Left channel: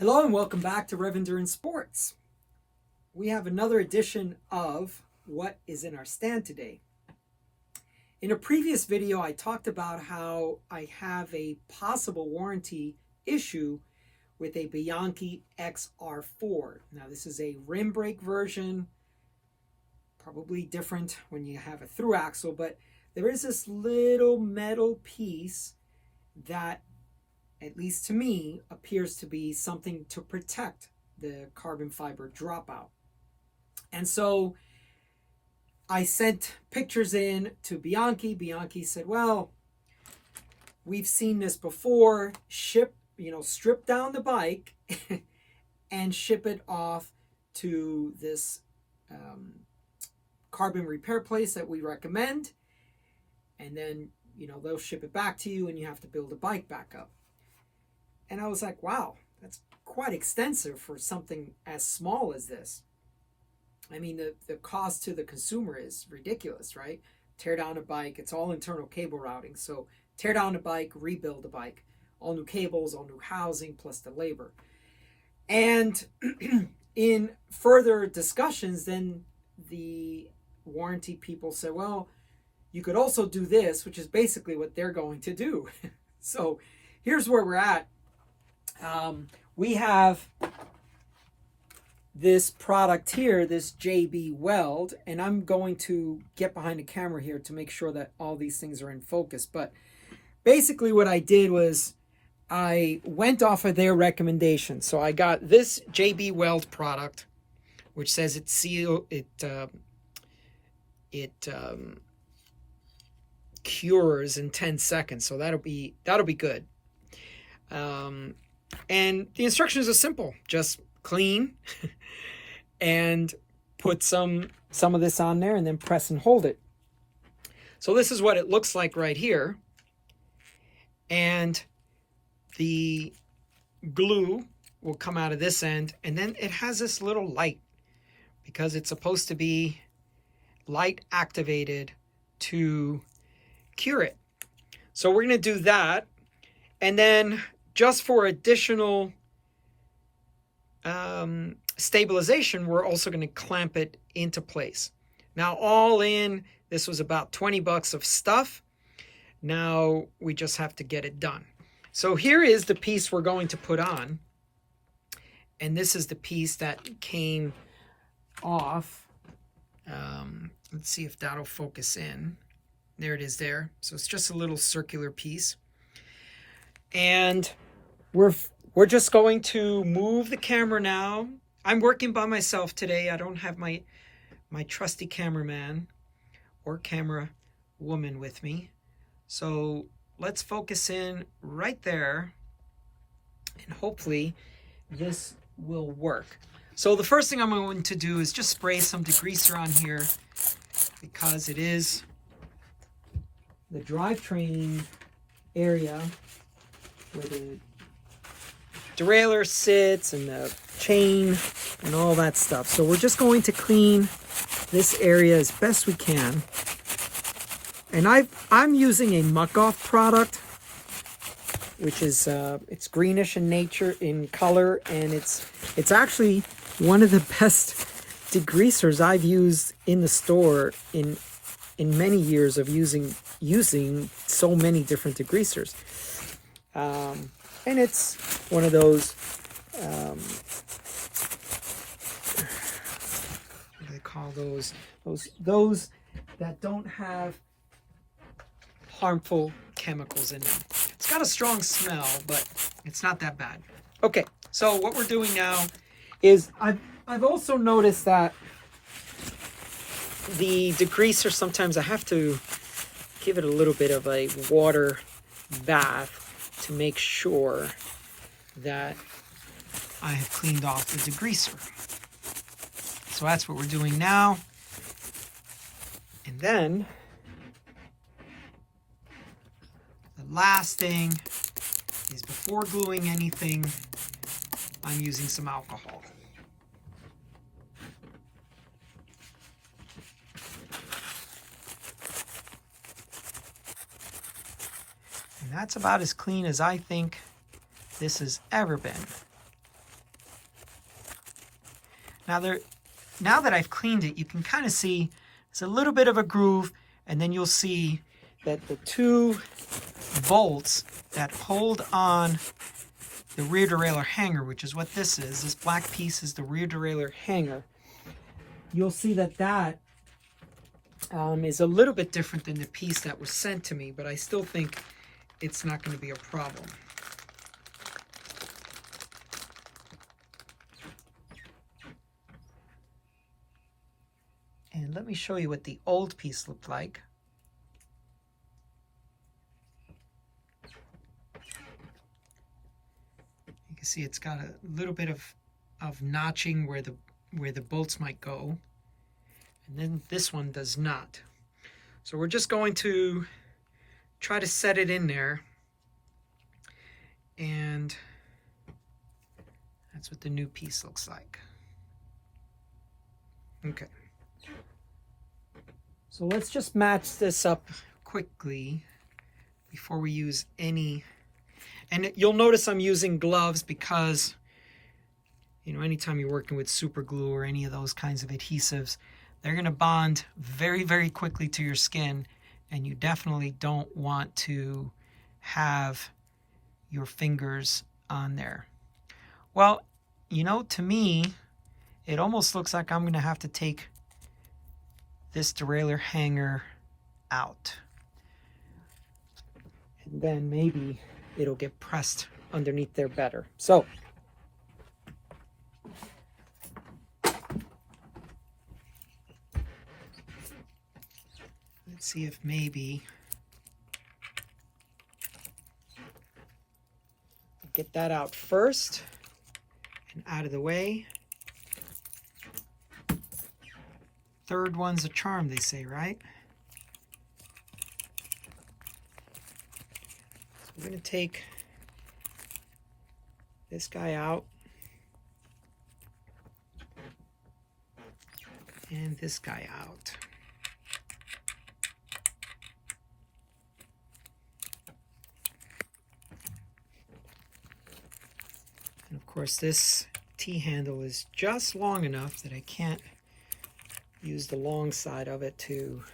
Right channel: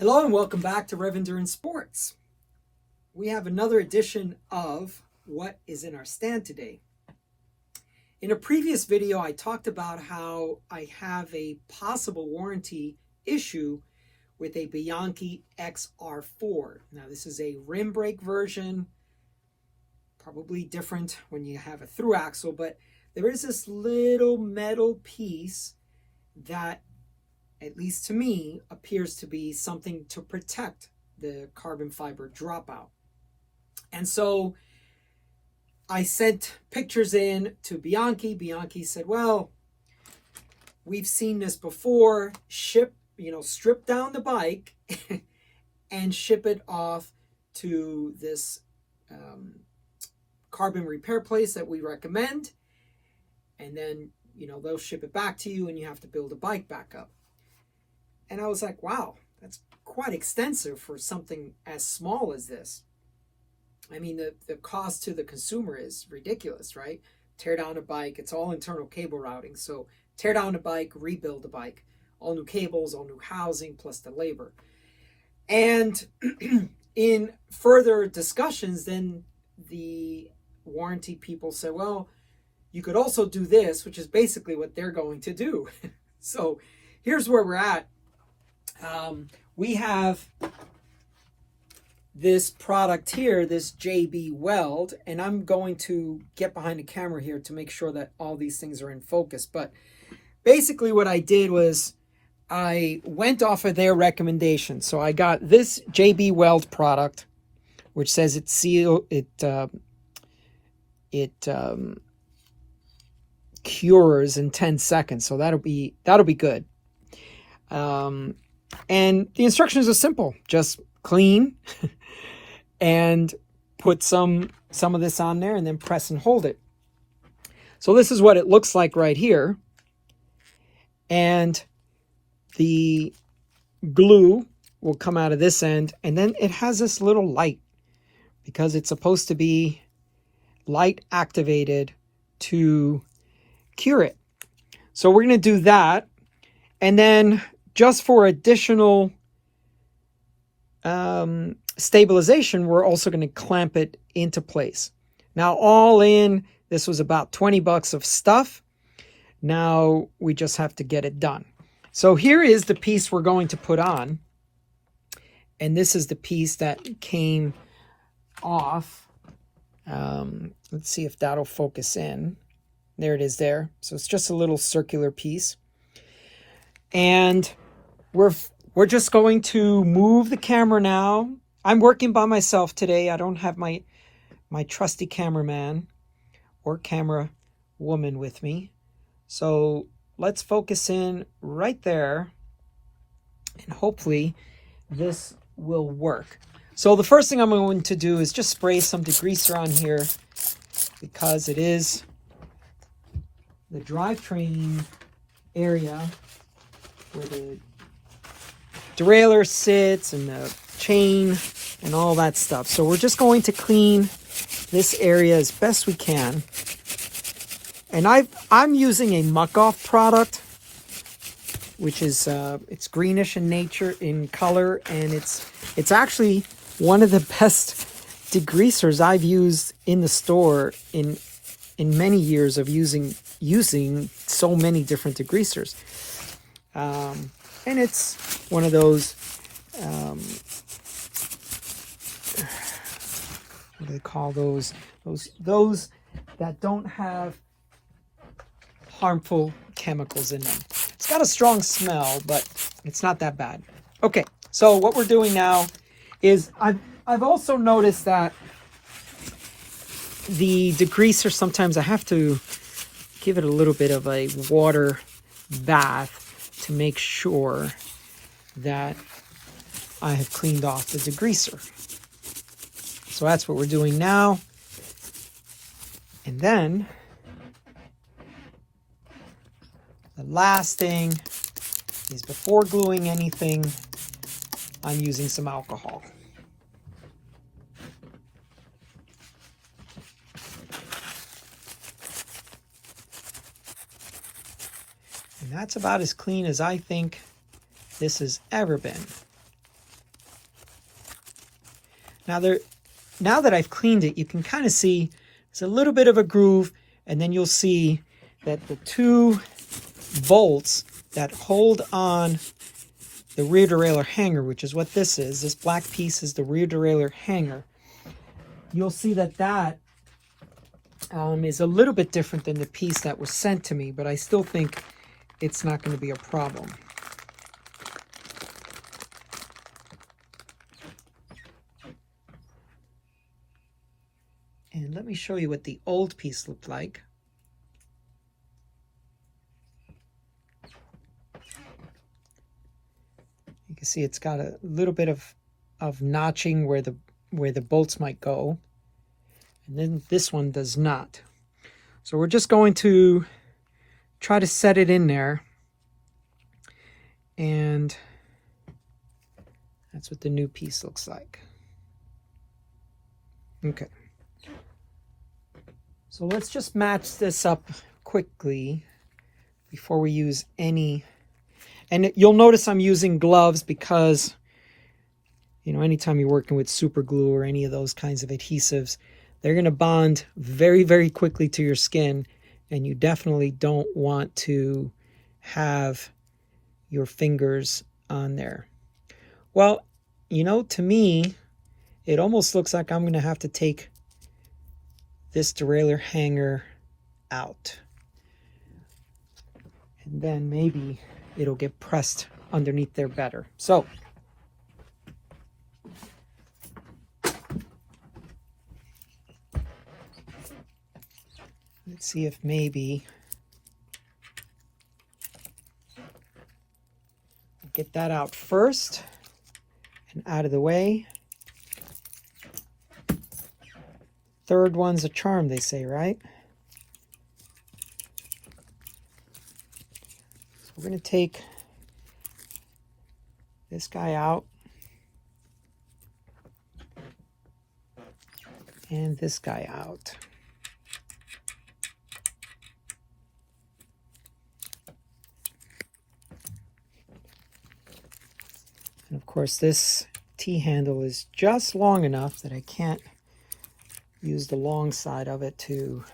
Hello and welcome back to Rev Endurance Sports. We have another edition of What is in Our Stand today. In a previous video, I talked about how I have a possible warranty issue with a Bianchi XR4. Now, this is a rim brake version, probably different when you have a through axle, but there is this little metal piece that, at least to me, appears to be something to protect the carbon fiber dropout. And so I sent pictures in to Bianchi. Bianchi said, well, we've seen this before. Strip down the bike and ship it off to this carbon repair place that we recommend. And then, they'll ship it back to you and you have to build a bike back up. And I was like, wow, that's quite extensive for something as small as this. I mean, the cost to the consumer is ridiculous, right? Tear down a bike, it's all internal cable routing. So tear down a bike, rebuild the bike. All new cables, all new housing, plus the labor. And in further discussions, then the warranty people said, well, you could also do this, which is basically what they're going to do. So here's where we're at. We have this product here, this JB Weld, and I'm going to get behind the camera here to make sure that all these things are in focus. But basically what I did was I went off of their recommendation. So I got this JB Weld product, which says it cures in 10 seconds. So that'll be good. And the instructions are simple. Just clean and put some of this on there and then press and hold it. So this is what it looks like right here. And the glue will come out of this end. And then it has this little light because it's supposed to be light activated to cure it. So we're going to do that. And then just for additional stabilization, we're also going to clamp it into place. Now, all in, this was about 20 bucks of stuff. Now we just have to get it done. So here is the piece we're going to put on. And this is the piece that came off. Let's see if that'll focus in. There it is there. So it's just a little circular piece. And we're just going to move the camera now. I'm working by myself today. I don't have my trusty cameraman or camera woman with me. So let's focus in right there. And hopefully this will work. So the first thing I'm going to do is just spray some degreaser on here because it is the drivetrain area where the derailleur sits and the chain and all that stuff. So we're just going to clean this area as best we can. And I'm using a muck off product, which is it's greenish in nature, in color, and it's actually one of the best degreasers I've used in the store in many years of using so many different degreasers. And it's one of those, what do they call those? Those that don't have harmful chemicals in them. It's got a strong smell, but it's not that bad. Okay, so what we're doing now is I've also noticed that the degreaser, sometimes I have to give it a little bit of a water bath to make sure that I have cleaned off the degreaser. So that's what we're doing now. And then the last thing is, before gluing anything, I'm using some alcohol. And that's about as clean as I think this has ever been. Now that I've cleaned it, you can kind of see it's a little bit of a groove, and then you'll see that the two bolts that hold on the rear derailleur hanger, which is what this is, this black piece is the rear derailleur hanger. You'll see that is a little bit different than the piece that was sent to me, but I still think it's not going to be a problem. And let me show you what the old piece looked like. You can see it's got a little bit of notching where the bolts might go. And then this one does not. So we're just going to try to set it in there. And that's what the new piece looks like. Okay. So let's just match this up quickly before we use any. And you'll notice I'm using gloves because, you know, anytime you're working with super glue or any of those kinds of adhesives, they're going to bond very, very quickly to your skin, and you definitely don't want to have your fingers on there. Well, you know, to me, it almost looks like I'm going to have to take this derailleur hanger out. And then maybe it'll get pressed underneath there better. So, let's see if maybe get that out first and out of the way. Third one's a charm, they say, right? So we're going to take this guy out and this guy out. And of course, this T-handle is just long enough that I can't use the long side of it to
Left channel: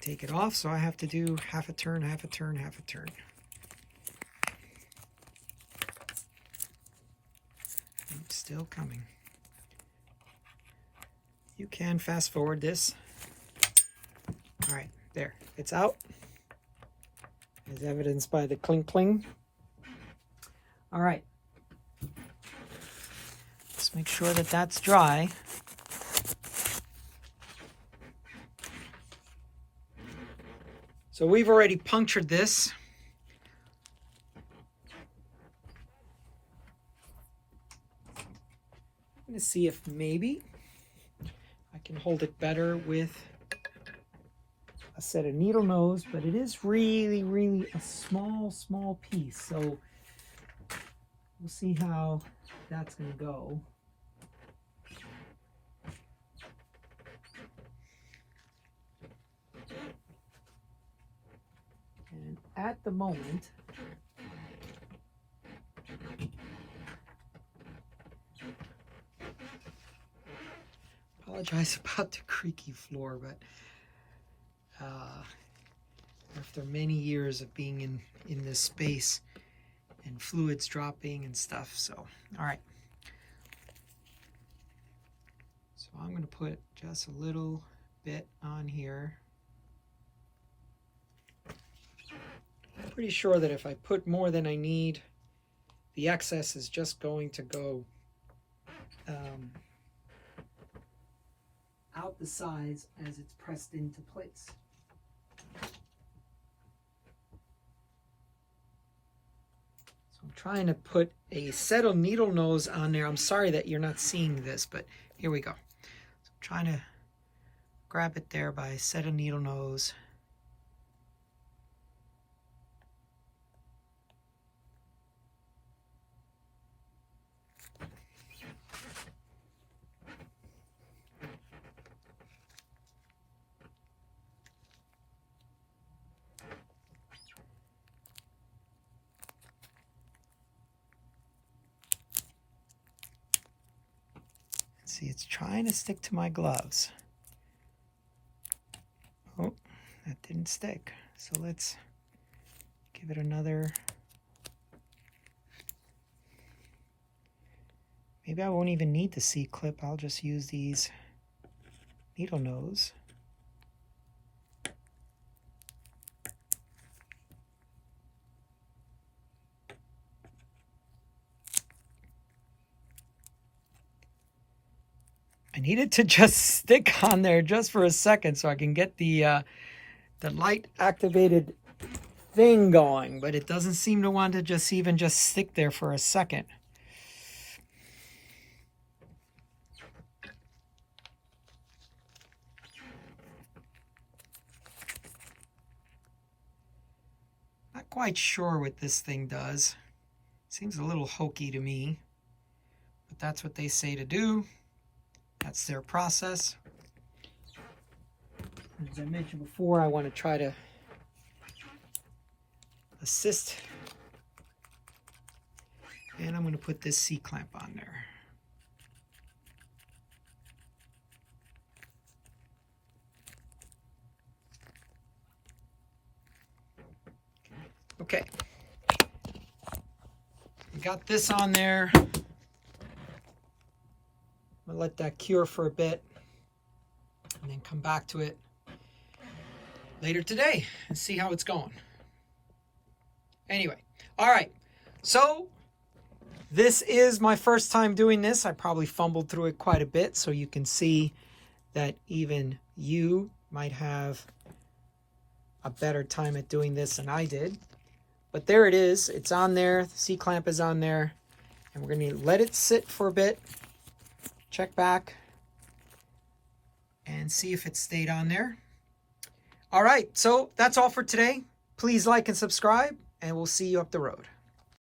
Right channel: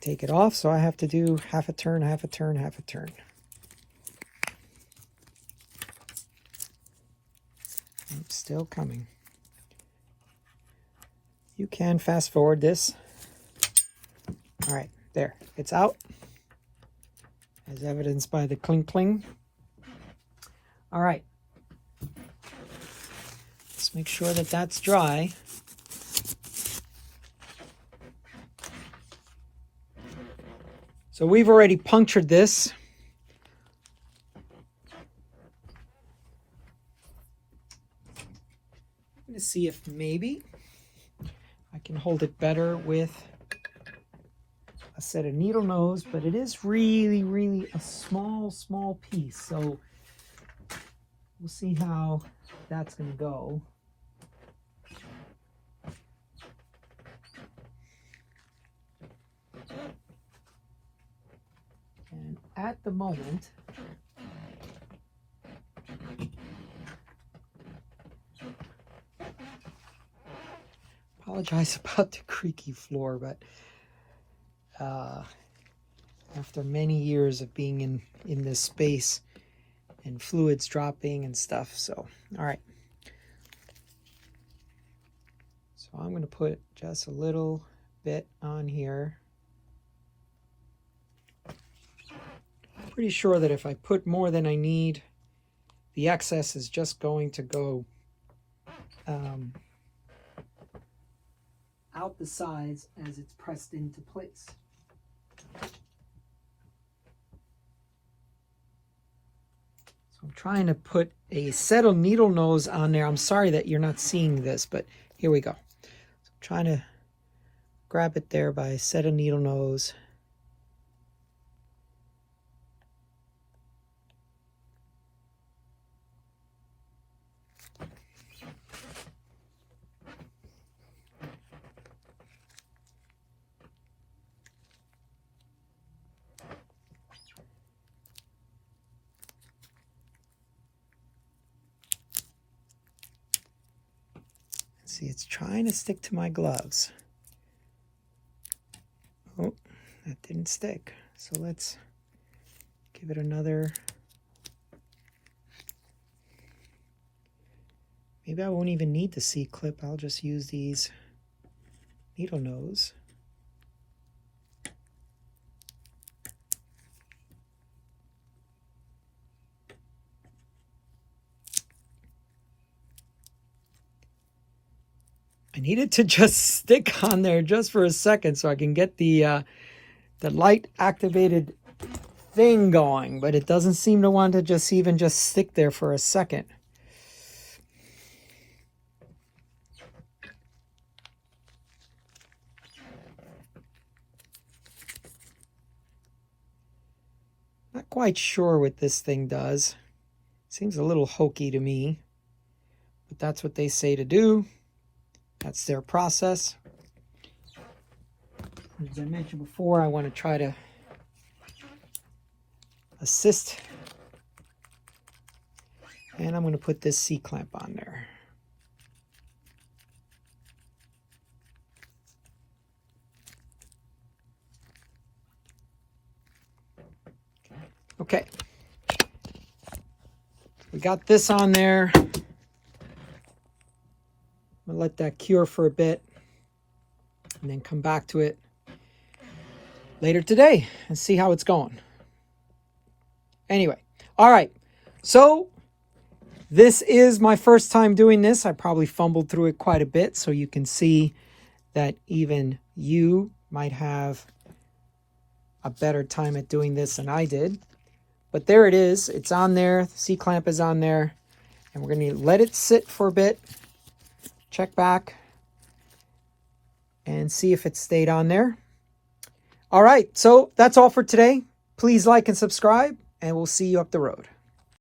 take it off, so I have to do half a turn, half a turn, half a turn. It's still coming. You can fast forward this. All right, there, it's out, as evidenced by the clink cling. All right, let's make sure that that's dry. So we've already punctured this. I'm going to see if maybe I can hold it better with a set of needle nose, but it is really, really a small piece. So we'll see how that's going to go. And at the moment, apologize about the creaky floor, but after many years of being in this space and fluids dropping and stuff, so all right. So I'm going to put just a little bit on here. I'm pretty sure that if I put more than I need, the excess is just going to go out the sides as it's pressed into place. So I'm trying to put a set of needle nose on there. I'm sorry that you're not seeing this, but here we go. So I'm trying to grab it there by a set of needle nose. See, it's trying to stick to my gloves. Oh, that didn't stick. So let's give it another. Maybe I won't even need the C-clip. I'll just use these needle nose. I need it to just stick on there just for a second so I can get the light activated thing going, but it doesn't seem to want to just stick there for a second. Not quite sure what this thing does. Seems a little hokey to me, but that's what they say to do. That's their process. As I mentioned before, I want to try to assist. And I'm going to put this C-clamp on there. Okay. We got this on there. We'll let that cure for a bit and then come back to it later today and see how it's going. Anyway, all right. So this is my first time doing this. I probably fumbled through it quite a bit, so you can see that even you might have a better time at doing this than I did. But there it is. It's on there. The C-clamp is on there. And we're going to let it sit for a bit. Check back and see if it stayed on there. All right, so that's all for today. Please like and subscribe, and we'll see you up the road.